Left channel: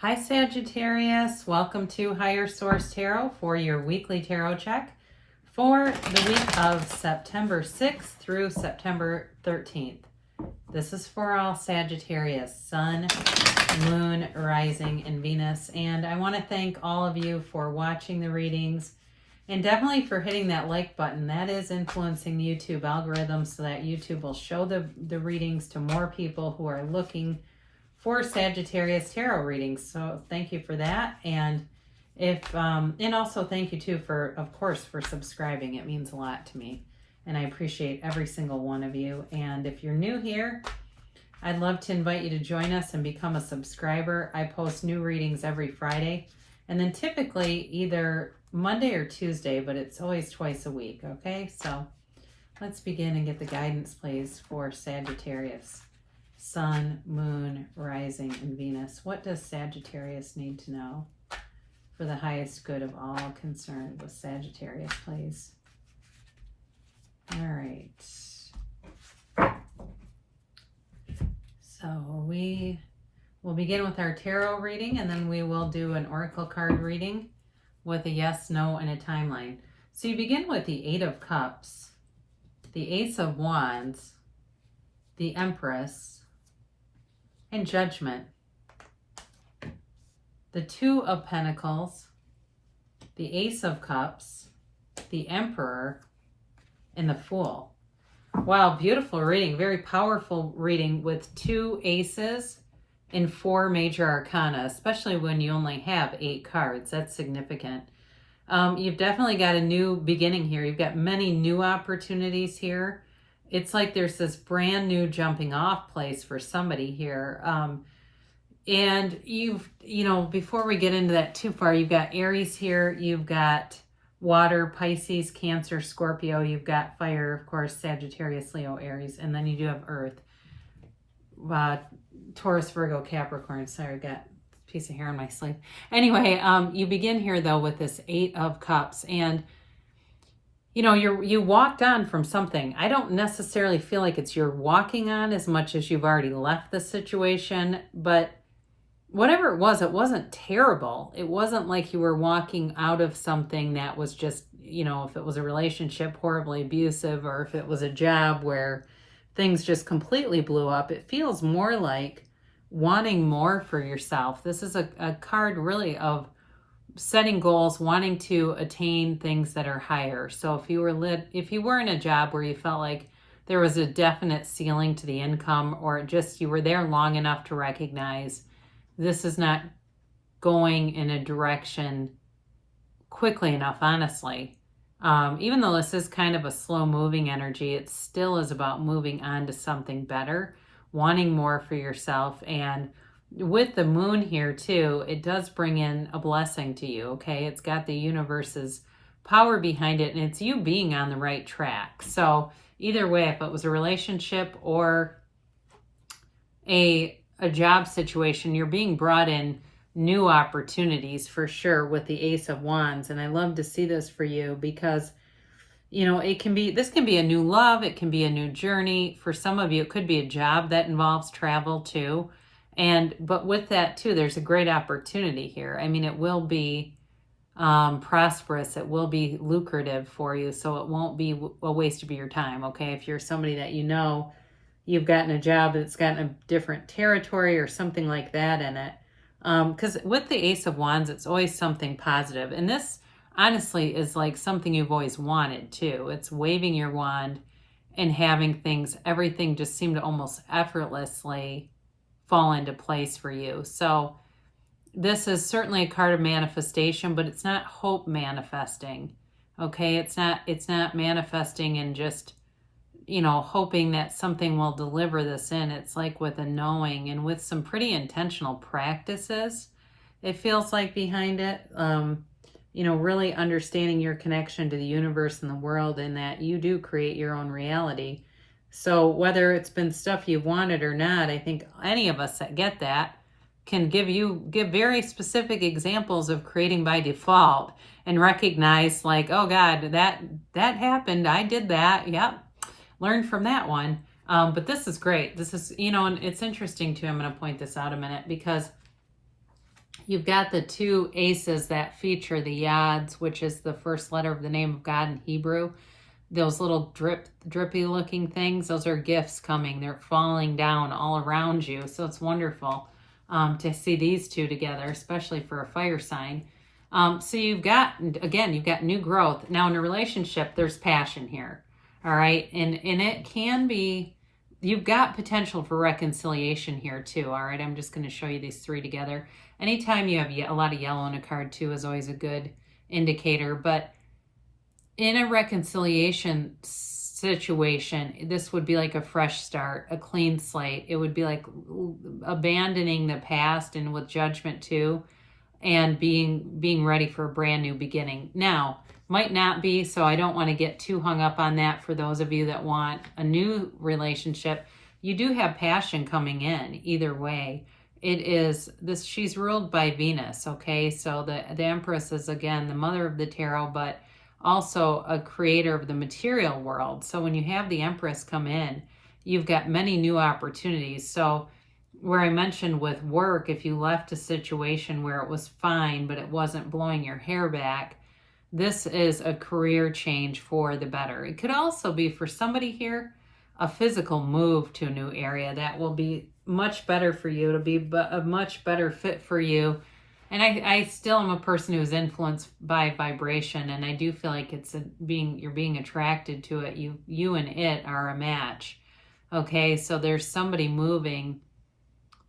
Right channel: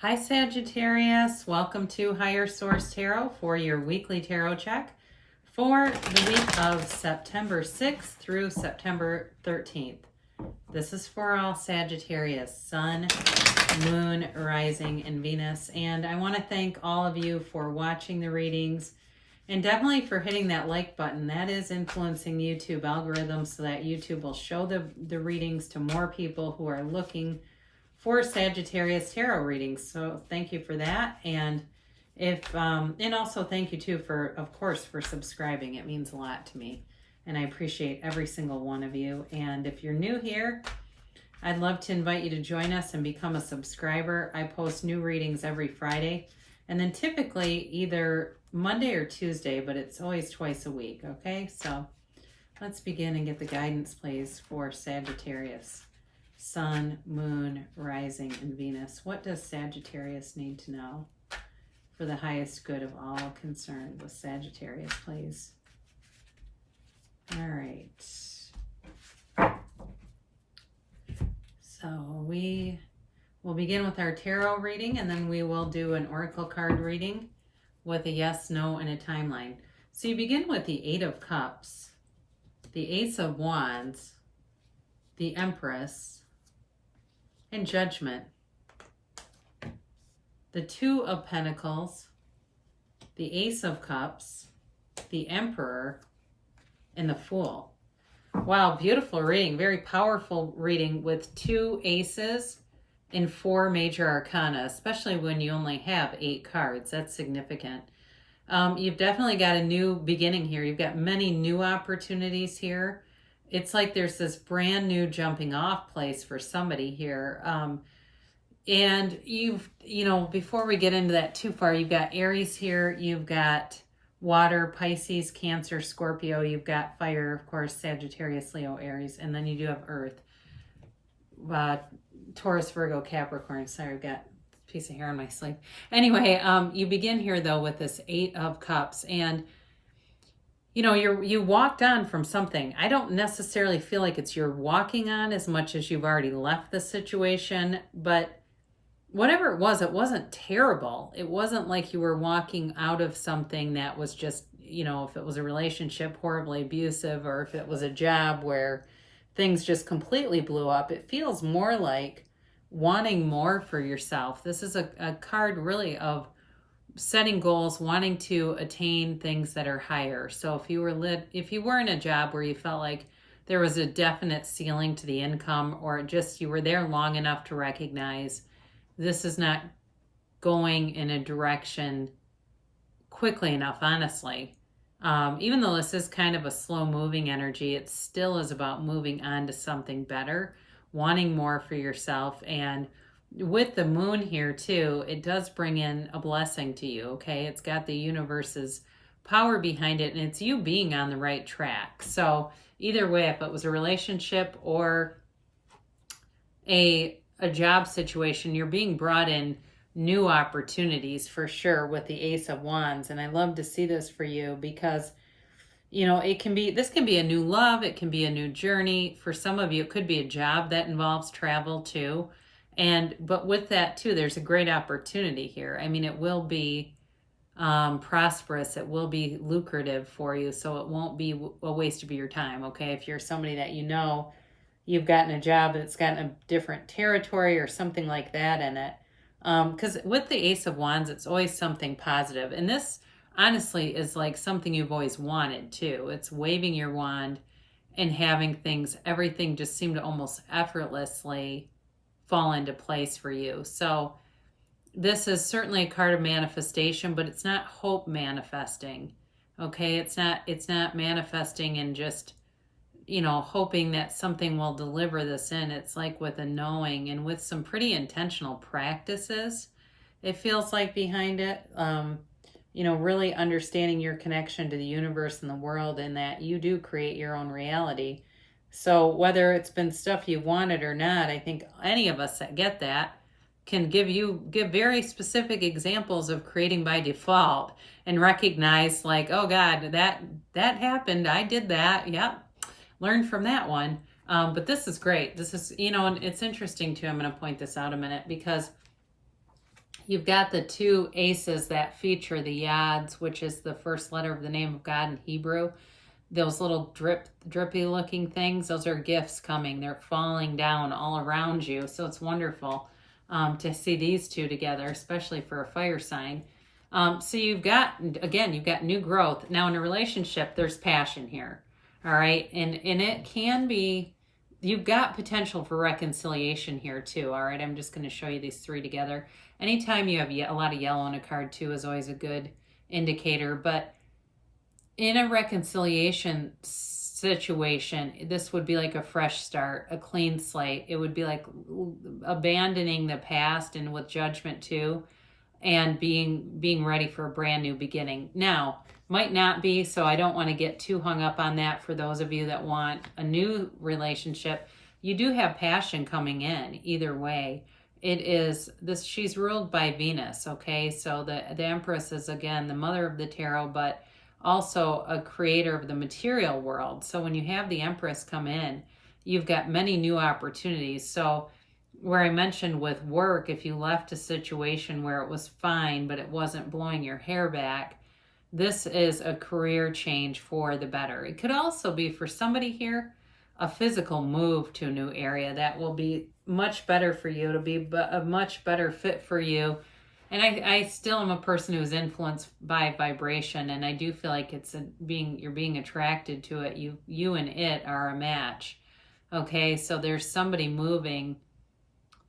Hi Sagittarius, welcome to Higher Source Tarot for your weekly tarot check for the week of September 6th through September 13th. This is for all Sagittarius, Sun, Moon, Rising, and Venus. And I want to thank all of you for watching the readings and definitely for hitting that like button. That is influencing the YouTube algorithm so that YouTube will show the readings to more people who are looking for Sagittarius tarot readings. So thank you for that. And and also thank you too for, of course, for subscribing. It means a lot to me. And I appreciate every single one of you. And if you're new here, I'd love to invite you to join us and become a subscriber. I post new readings every Friday. And then typically either Monday or Tuesday, but it's always twice a week, okay? So let's begin and get the guidance, please, for Sagittarius. Sun, Moon, Rising, and Venus. What does Sagittarius need to know for the highest good of all concerned with Sagittarius, please? All right. So we will begin with our tarot reading, and then we will do an oracle card reading with a yes, no, and a timeline. So you begin with the Eight of Cups, the Ace of Wands, the Empress, and Judgment, the Two of Pentacles, the Ace of Cups, the Emperor, and the Fool. Wow, beautiful reading. Very powerful reading with two aces and four major arcana, especially when you only have 8 cards. That's significant. You've definitely got a new beginning here. You've got many new opportunities here. It's like there's this brand new jumping off place for somebody here. And before we get into that too far, you've got Aries here, you've got water, Pisces, Cancer, Scorpio, you've got fire, of course, Sagittarius, Leo, Aries, and then you do have Earth, Taurus, Virgo, Capricorn. Sorry, I've got a piece of hair on my sleeve. Anyway, you begin here though with this Eight of Cups, and you walked on from something. I don't necessarily feel like it's you're walking on as much as you've already left the situation, but whatever it wasn't terrible. It wasn't like you were walking out of something that was just, if it was a relationship horribly abusive, or if it was a job where things just completely blew up. It feels more like wanting more for yourself. This is a card really of setting goals, wanting to attain things that are higher. So if you were in a job where you felt like there was a definite ceiling to the income, or just you were there long enough to recognize this is not going in a direction quickly enough, honestly. Even though this is kind of a slow moving energy, it still is about moving on to something better, wanting more for yourself. And with the moon here too, it does bring in a blessing to you, okay? It's got the universe's power behind it, and it's you being on the right track. So either way, if it was a relationship or a job situation, you're being brought in new opportunities for sure with the Ace of Wands. And I love to see this for you because, this can be a new love. It can be a new journey. For some of you, it could be a job that involves travel too. But with that too, there's a great opportunity here. I mean, it will be prosperous. It will be lucrative for you. So it won't be a waste of your time. Okay. If you're somebody that you've gotten a job that's gotten a different territory or something like that in it. Because with the Ace of Wands, it's always something positive. And this honestly is like something you've always wanted too. It's waving your wand and having everything just seem to almost effortlessly fall into place for you. So this is certainly a card of manifestation, but it's not hope manifesting. Okay, it's not manifesting and just hoping that something will deliver this in. It's like with a knowing and with some pretty intentional practices, it feels like behind it, really understanding your connection to the universe and the world, and that you do create your own reality. So whether it's been stuff you've wanted or not, I think any of us that get that can give very specific examples of creating by default and recognize like, oh God, that happened. I did that. Yep. Learn from that one. But this is great. This is, and it's interesting too. I'm going to point this out a minute because You've got the two aces that feature the yads, which is the first letter of the name of God in Hebrew. Those little drippy looking things, those are gifts coming. They're falling down all around you. So it's wonderful to see these two together, especially for a fire sign. So you've got new growth. Now in a relationship, there's passion here. All right. And it can be, you've got potential for reconciliation here too. All right. I'm just going to show you these three together. Anytime you have a lot of yellow in a card too is always a good indicator. But in a reconciliation situation, this would be like a fresh start, a clean slate. It would be like abandoning the past and with judgment too, and being ready for a brand new beginning. Now, might not be, so I don't want to get too hung up on that for those of you that want a new relationship. You do have passion coming in either way. It is this, she's ruled by Venus, okay? So the Empress is, again, the mother of the tarot, but also a creator of the material world. So when you have the Empress come in, you've got many new opportunities. So where I mentioned with work, if you left a situation where it was fine, but it wasn't blowing your hair back, this is a career change for the better. It could also be for somebody here, a physical move to a new area that will be much better for you. It'll be a much better fit for you. And I still am a person who is influenced by vibration, and I do feel like you're being attracted to it. You and it are a match. Okay, so there's somebody moving,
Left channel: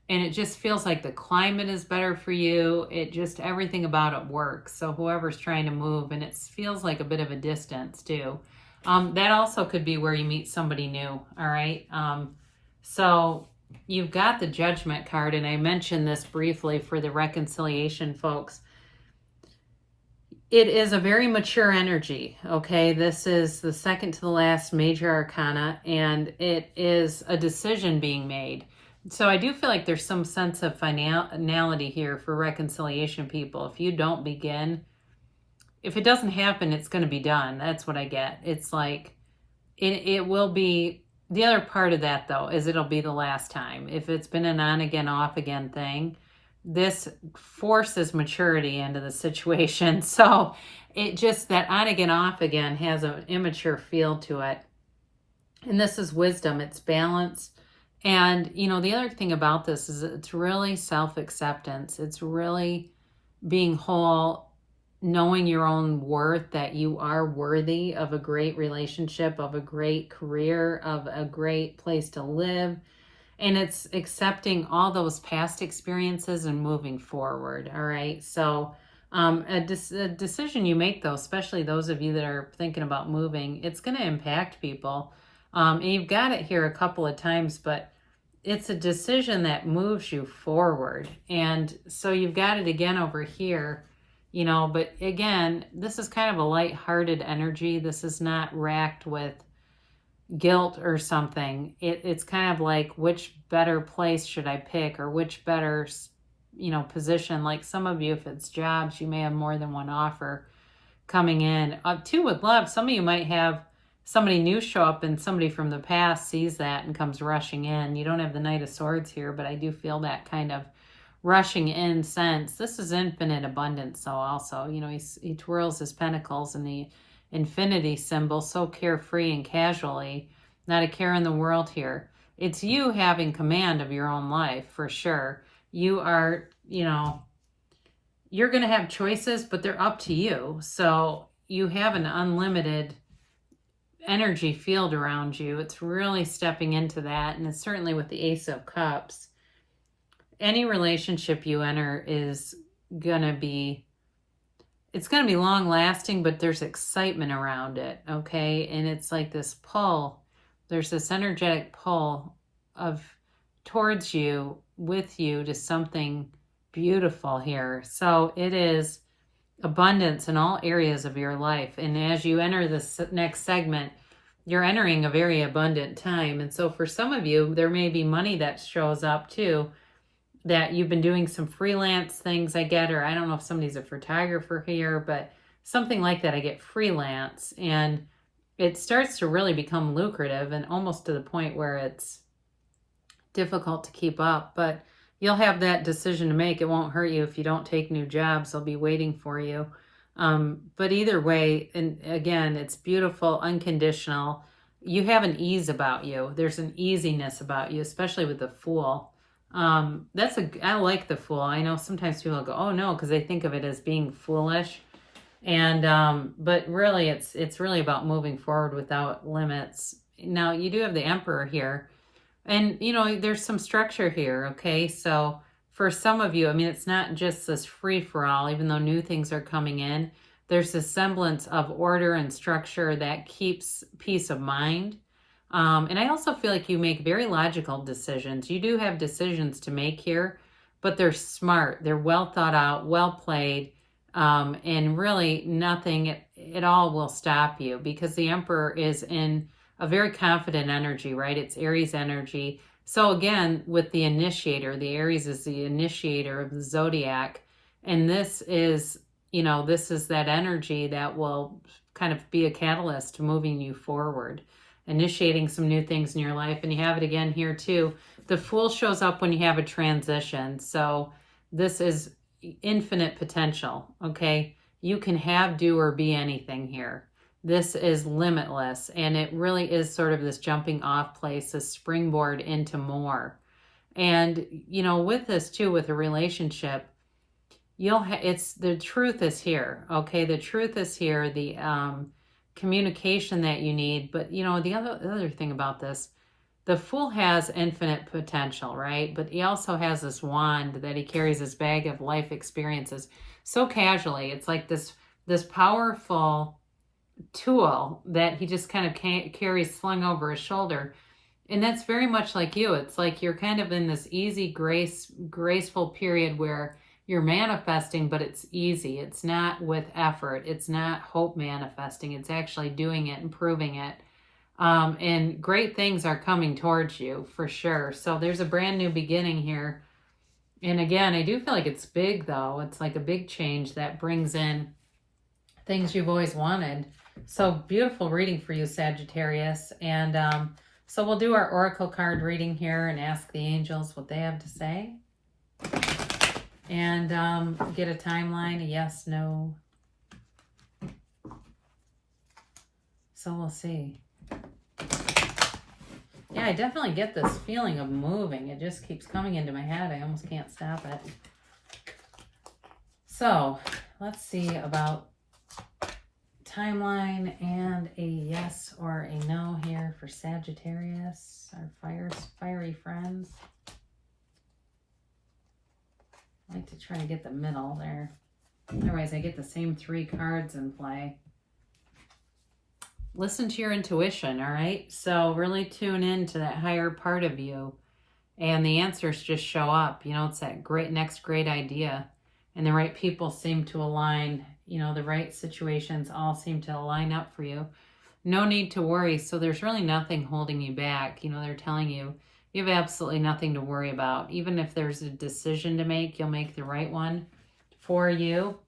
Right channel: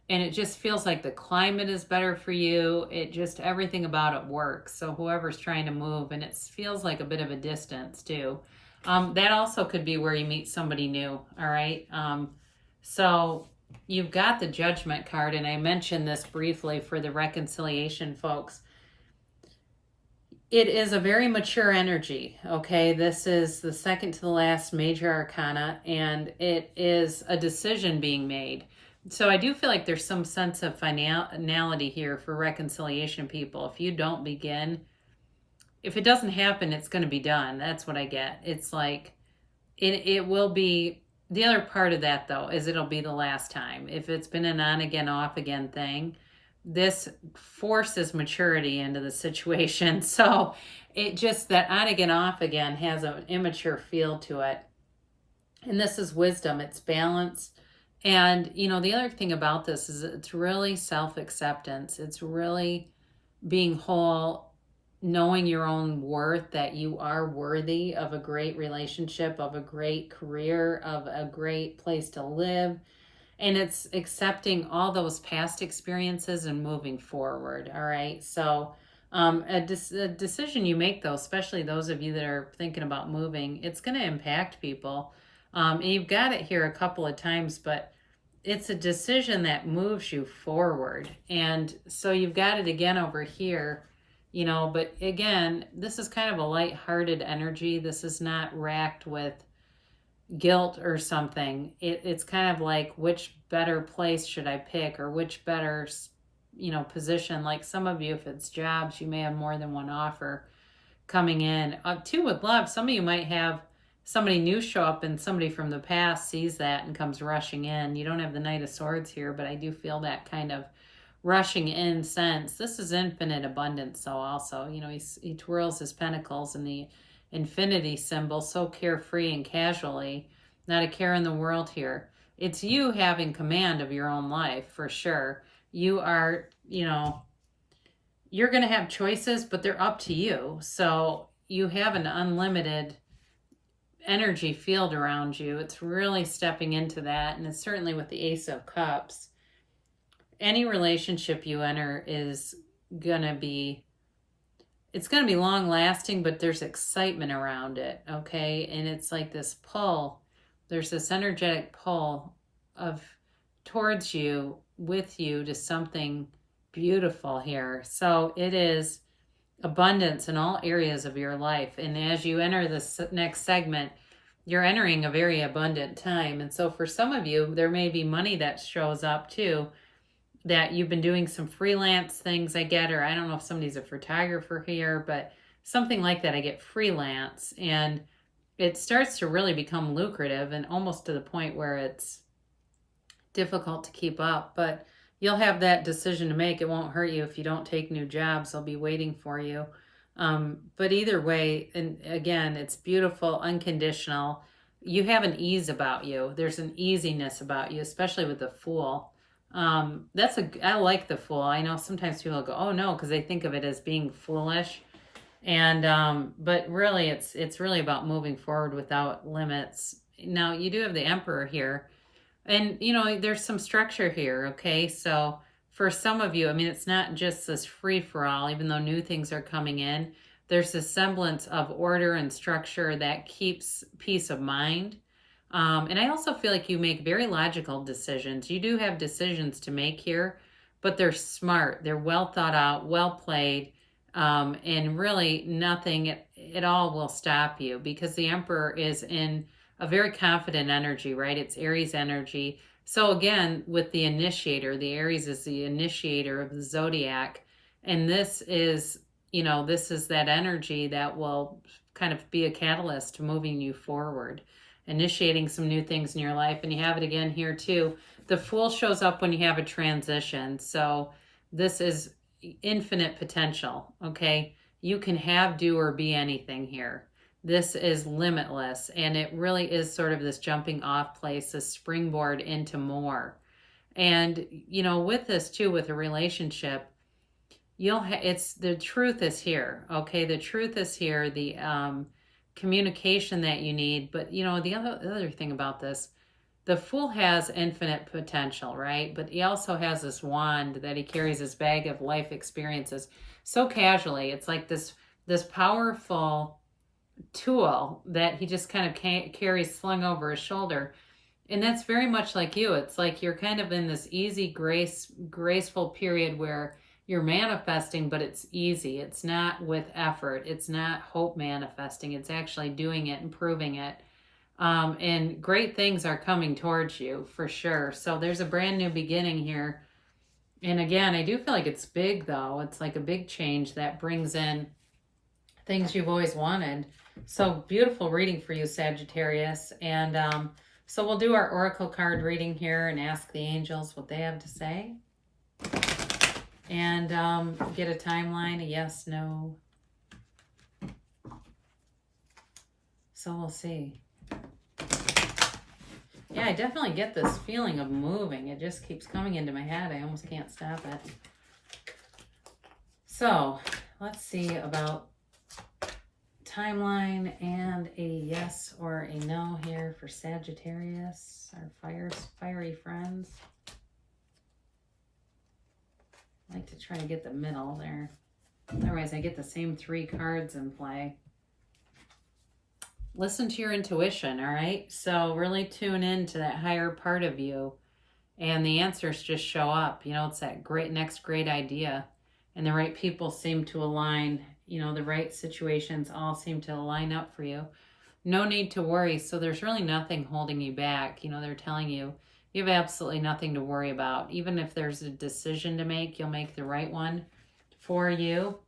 and it just feels like the climate is better for you. It just, everything about it works. So whoever's trying to move, and it feels like a bit of a distance too. That also could be where you meet somebody new. All right. So you've got the Judgment card, and I mentioned this briefly for the reconciliation folks. It is a very mature energy, okay? This is the second to the last major arcana, and it is a decision being made. So I do feel like there's some sense of finality here for reconciliation people. If you don't begin, if it doesn't happen, it's going to be done. That's what I get. It's like, it will be. The other part of that, though, is it'll be the last time. If it's been an on again, off again thing, this forces maturity into the situation. So it just, that on again, off again has an immature feel to it. And this is wisdom. It's balance. And, you know, the other thing about this is it's really self-acceptance. It's really being whole, knowing your own worth, that you are worthy of a great relationship, of a great career, of a great place to live. And it's accepting all those past experiences and moving forward. All right. So a decision you make, though, especially those of you that are thinking about moving, it's going to impact people. And you've got it here a couple of times, but it's a decision that moves you forward. And so you've got it again over here. You know, but again, this is kind of a light-hearted energy. This is not racked with guilt or something. It's kind of like, which better place should I pick, or which better, you know, position. Like some of you, if it's jobs, you may have more than one offer coming in. Too, with love, some of you might have somebody new show up, and somebody from the past sees that and comes rushing in. You don't have the Knight of Swords here, but I do feel that kind of rushing in sense. This is infinite abundance. So also, you know, he twirls his pentacles in the infinity symbol, so carefree and casually, not a care in the world here. It's you having command of your own life, for sure. You are, you know, you're going to have choices, but they're up to you. So you have an unlimited energy field around you. It's really stepping into that. And it's certainly with the Ace of Cups. Any relationship you enter is going to be, it's going to be long lasting, but there's excitement around it. Okay. And it's like this pull, there's this energetic pull of towards you, with you, to something beautiful here. So it is abundance in all areas of your life. And as you enter this next segment, you're entering a very abundant time. And so for some of you, there may be money that shows up too, that you've been doing some freelance things, I get, or I don't know if somebody's a photographer here, but something like that. I get freelance, and it starts to really become lucrative, and almost to the point where it's difficult to keep up. But you'll have that decision to make. It won't hurt you if you don't take new jobs. They'll be waiting for you. But either way, and again, it's beautiful, unconditional. You have an ease about you. There's an easiness about you, especially with the Fool. I like the Fool. I know sometimes people go, oh no, because they think of it as being foolish. And but really it's really about moving forward without limits. Now you do have the Emperor here. And there's some structure here, okay? So for some of you, I mean, it's not just this free for all, even though new things are coming in. There's a semblance of order and structure that keeps peace of mind. And I also feel like you make very logical decisions. You do have decisions to make here, but they're smart. They're well thought out, well played, and really nothing at all will stop you, because the Emperor is in a very confident energy, right? It's Aries energy. So again, with the initiator, the Aries is the initiator of the zodiac. And this is that energy that will kind of be a catalyst to moving you forward, initiating some new things in your life. And you have it again here too. The Fool shows up when you have a transition. So this is infinite potential, okay? You can have, do, or be anything here. This is limitless, and it really is sort of this jumping off place, a springboard into more. And with this too, with a relationship, it's the truth is here, okay? The truth is here, the communication that you need. But the other thing about this, the Fool has infinite potential, right? But he also has this wand that he carries, this bag of life experiences so casually. It's like this powerful tool that he just kind of carries slung over his shoulder. And that's very much like you. It's like you're kind of in this easy, graceful period where you're manifesting, but it's easy. It's not with effort. It's not hope manifesting. It's actually doing it and proving it. And great things are coming towards you for sure. So there's a brand new beginning here. And again, I do feel like it's big though. It's like a big change that brings in things you've always wanted. So beautiful reading for you, Sagittarius. And so we'll do our oracle card reading here and ask the angels what they have to say. And get a timeline, a yes, no. So we'll see. Yeah, I definitely get this feeling of moving. It just keeps coming into my head. I almost can't stop it. So let's see about timeline and a yes or a no here for Sagittarius, our fiery friends. I like to try to get the middle there. Otherwise, I get the same 3 cards in play. Listen to your intuition, all right? So really tune in to that higher part of you, and the answers just show up. It's that next great idea, and the right people seem to align. The right situations all seem to line up for you. No need to worry. So there's really nothing holding you back. They're telling you you have absolutely nothing to worry about. Even if there's a decision to make, you'll make the right one for you,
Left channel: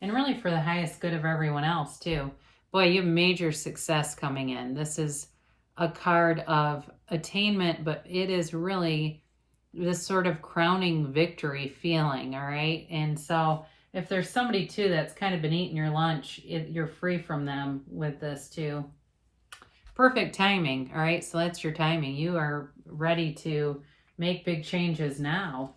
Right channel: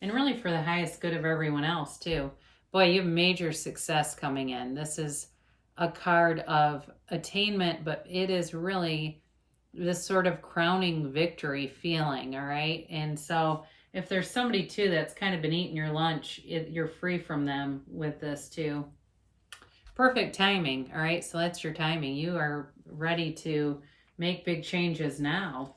and really for the highest good of everyone else too. Boy, you have major success coming in. This is a card of attainment, but it is really this sort of crowning victory feeling, all right? And so if there's somebody too that's kind of been eating your lunch, you're free from them with this too. Perfect timing, all right? So that's your timing. You are ready to make big changes now.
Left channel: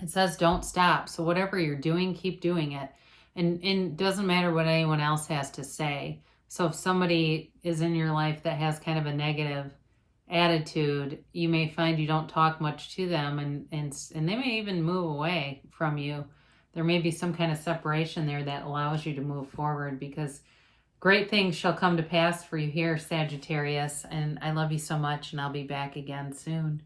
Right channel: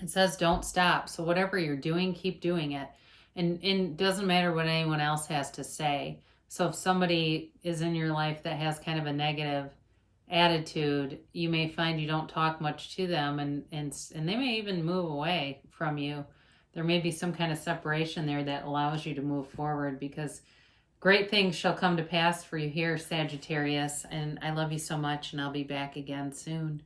It says don't stop. So whatever you're doing, keep doing it. And it doesn't matter what anyone else has to say. So if somebody is in your life that has kind of a negative attitude, you may find you don't talk much to them, and they may even move away from you. There may be some kind of separation there that allows you to move forward, because great things shall come to pass for you here, Sagittarius. And I love you so much, and I'll be back again soon.